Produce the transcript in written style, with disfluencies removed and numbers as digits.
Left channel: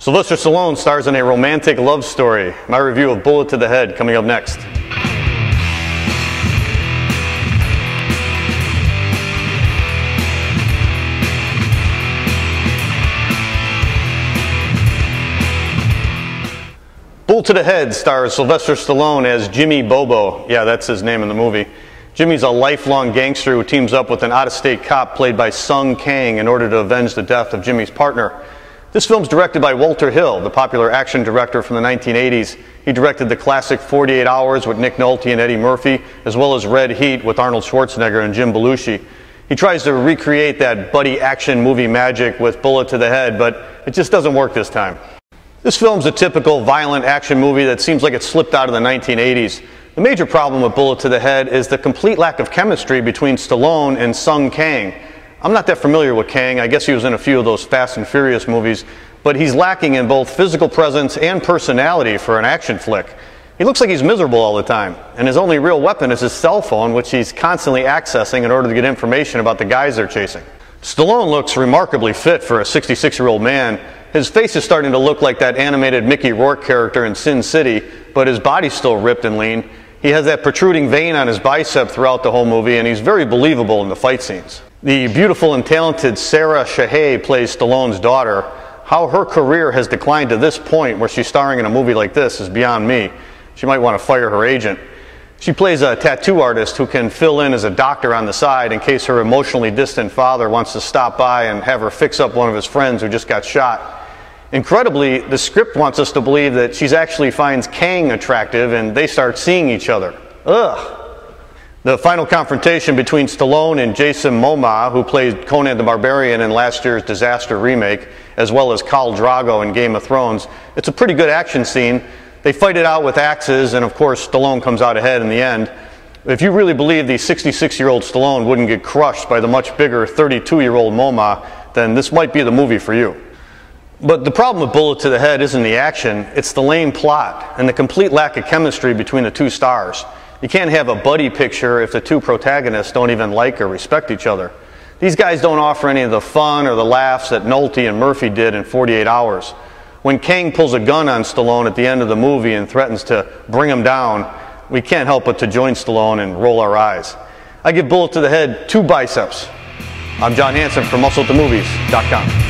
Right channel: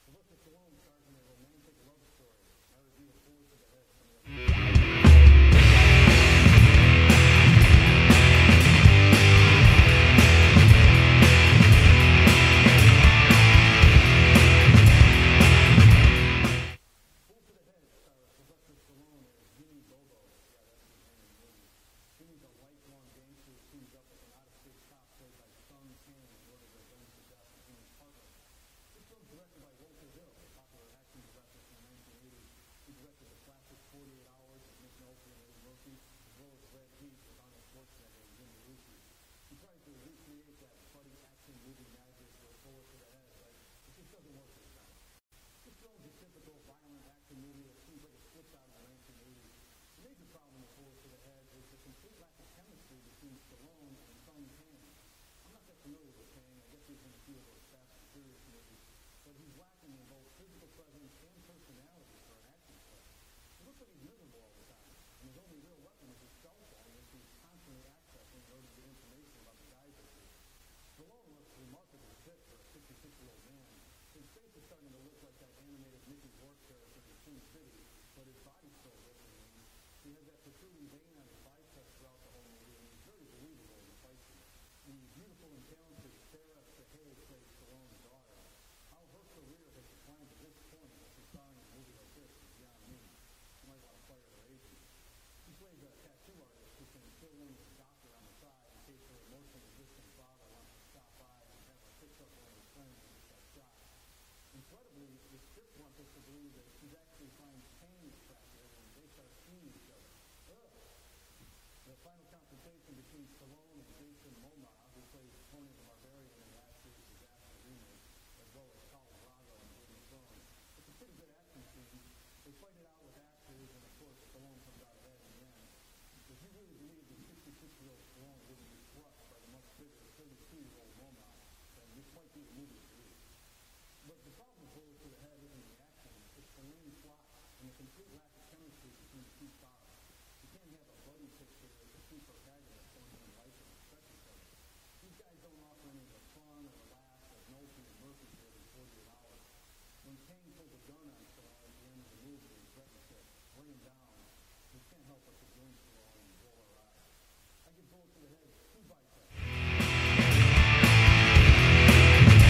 Sylvester Stallone stars in a romantic love story. My review of Bullet to the Head coming up next. Bullet to the Head stars Sylvester Stallone as Jimmy Bobo. Yeah, that's his name in the movie. Jimmy's a lifelong gangster who teams up with an out-of-state cop played by Sung Kang in order to avenge the death of Jimmy's partner. This film's directed by Walter Hill, the popular action director from the 1980s. He directed the classic 48 Hours with Nick Nolte and Eddie Murphy, as well as Red Heat with Arnold Schwarzenegger and Jim Belushi. He tries to recreate that buddy action movie magic with Bullet to the Head, but it just doesn't work this time. This film's a typical violent action movie that seems like it slipped out of the 1980s. The major problem with Bullet to the Head is the complete lack of chemistry between Stallone and Sung Kang. I'm not that familiar with Kang. I guess he was in a few of those Fast and Furious movies, but he's lacking in both physical presence and personality for an action flick. He looks like he's miserable all the time, and his only real weapon is his cell phone, which he's constantly accessing in order to get information about the guys they're chasing. Stallone looks remarkably fit for a 66-year-old man. His face is starting to look like that animated Mickey Rourke character in Sin City, but his body's still ripped and lean. He has that protruding vein on his bicep throughout the whole movie, and he's very believable in the fight scenes. The beautiful and talented Sarah Shahay plays Stallone's daughter. How her career has declined to this point where she's starring in a movie like this is beyond me. She might want to fire her agent. She plays a tattoo artist who can fill in as a doctor on the side in case her emotionally distant father wants to stop by and have her fix up one of his friends who just got shot. Incredibly, the script wants us to believe that she actually finds Kang attractive and they start seeing each other. Ugh. The final confrontation between Stallone and Jason Momoa, who played Conan the Barbarian in last year's Disaster remake, as well as Khal Drogo in Game of Thrones, it's a pretty good action scene. They fight it out with axes, and of course Stallone comes out ahead in the end. If you really believe the 66-year-old Stallone wouldn't get crushed by the much bigger 32-year-old Momoa, then this might be the movie for you. But the problem with Bullet to the Head isn't the action, it's the lame plot and the complete lack of chemistry between the two stars. You can't have a buddy picture if the two protagonists don't even like or respect each other. These guys don't offer any of the fun or the laughs that Nolte and Murphy did in 48 Hours. When Kang pulls a gun on Stallone at the end of the movie and threatens to bring him down, we can't help but to join Stallone and roll our eyes. I give Bullet to the Head 2 biceps. I'm John Hansen from MuscleToMovies.com.